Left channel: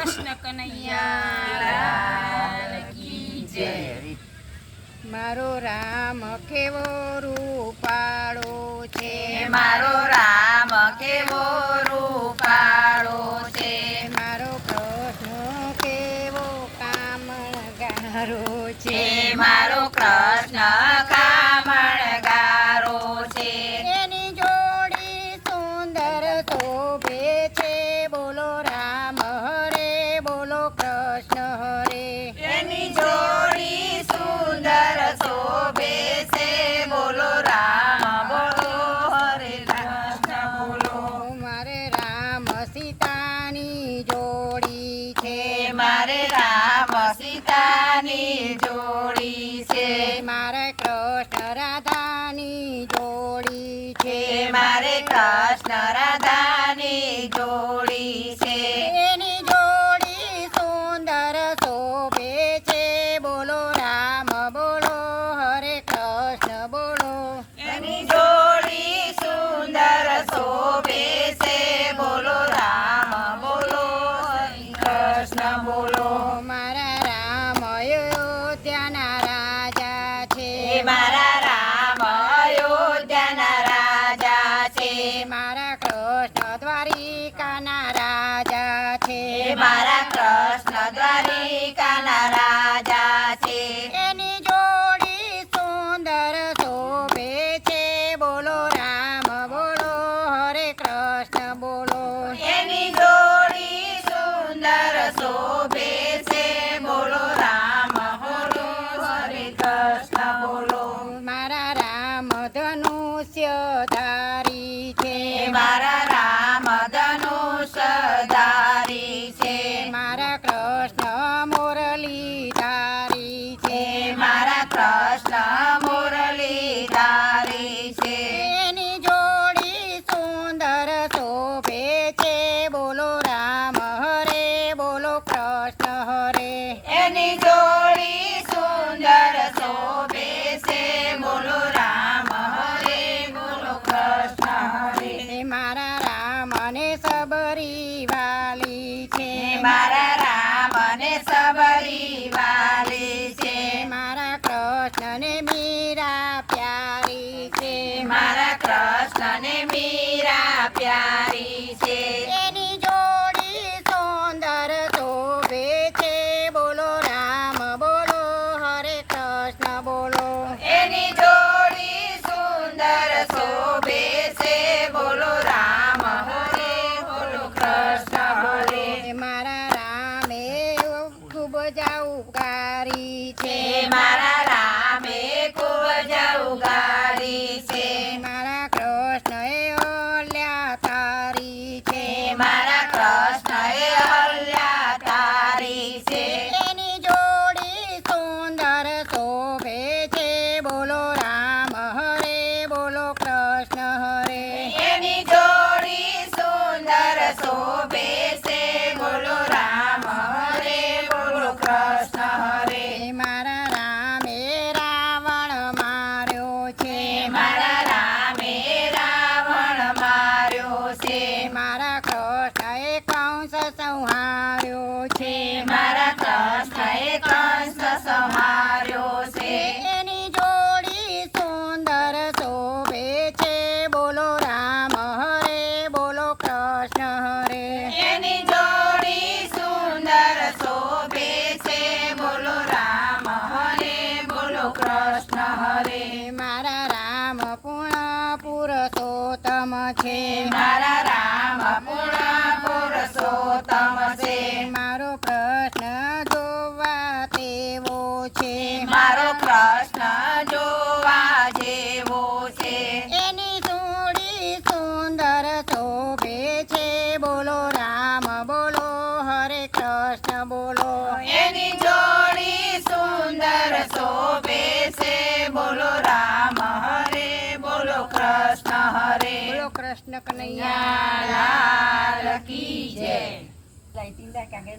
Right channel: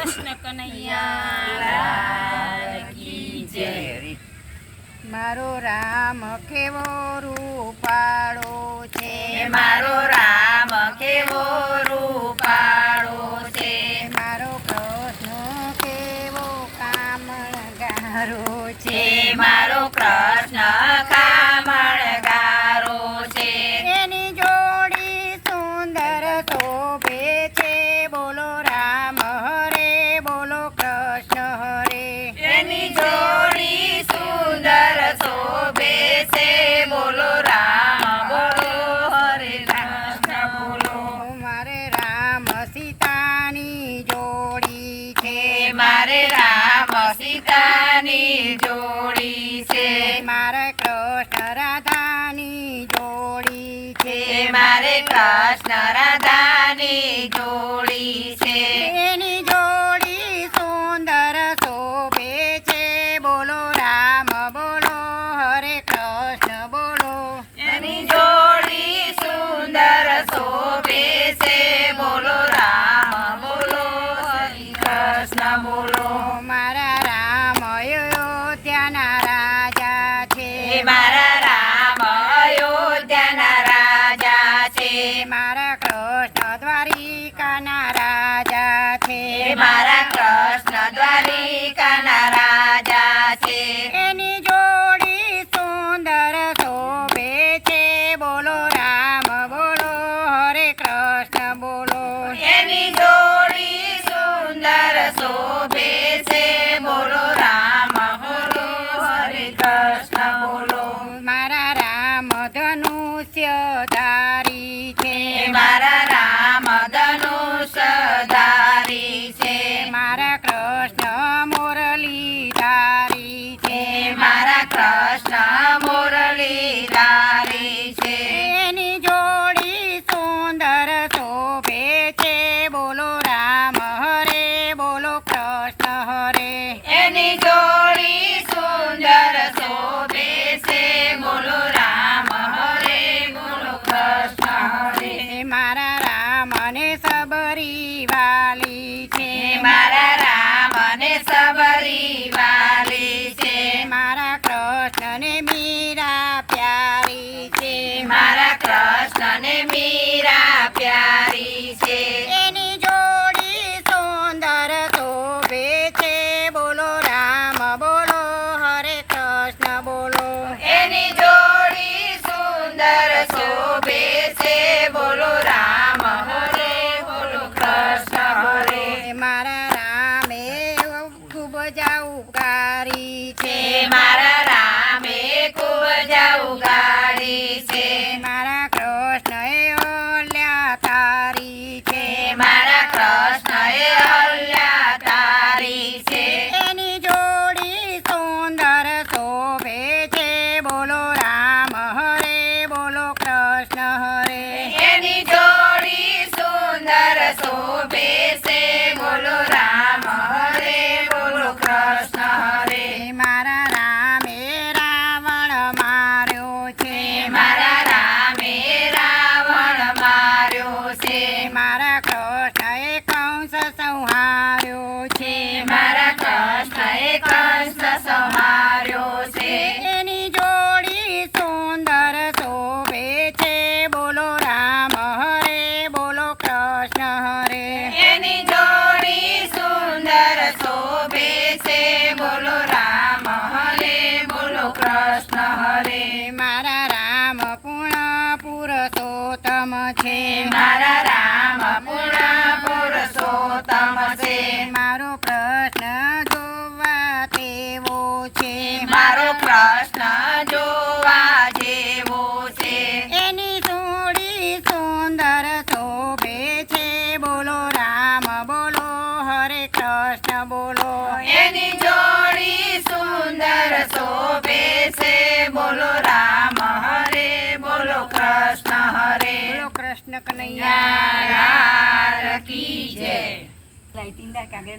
કૃષ્ણ કનૈયા જય. મારો રામ કેવો રૂપાળો છે? મારો રામ કેવો રૂપાળો છે? મારો કૃષ્ણ કેવો કામણગારો છે? જોડી છે. મારે કૃષ્ણ રાધાની જોડી છે. મારે કૃષ્ણ રાધાની જોડી છે. એની જોડી સુંદર શોભે છે. બોલો રામ બોલો હરે કૃષ્ણ બોલો. એની જોડી સુંદર શોભે અયોધ્યાના રાજા છે મારા રામ અયોધ્યાના રાજા છે. મારા કૃષ્ણ દ્વારિકાના રાજા છે. મારા બોલો રામ હરે બોલો કૃષ્ણ હરે. એની જોડી સુંદર શોભે છે. બોલો રામ હરે બોલો કૃષ્ણ હરે. મારા રામ અને સબરી વાલી છે. મારા રામ અને સબરી વાલી છે. મારા કૃષ્ણ ને મીરા પ્યારી છે. મારા કૃષ્ણ ને મીરા પ્યારી છે. એની જોડી સુંદર શોભે છે. બોલો રામ હરે બોલો કૃષ્ણ હરે. મારા રામે રાવણ માર્યો છે. મારા રામે રાવણ માર્યો છે. મારા કૃષ્ણ એ કંસ સંહાર્યો પુરુષોત્તમ છે. મારા રામ પૂર્ણ પુરુષોત્તમ છે. મારો પ્રશ્ન જોવા તેવો છે. મારો પ્રશ્ન જોવા જેવો કૃષ્ણ કનૈયા. લાલ કી જય. લાઇટિંગ કાગે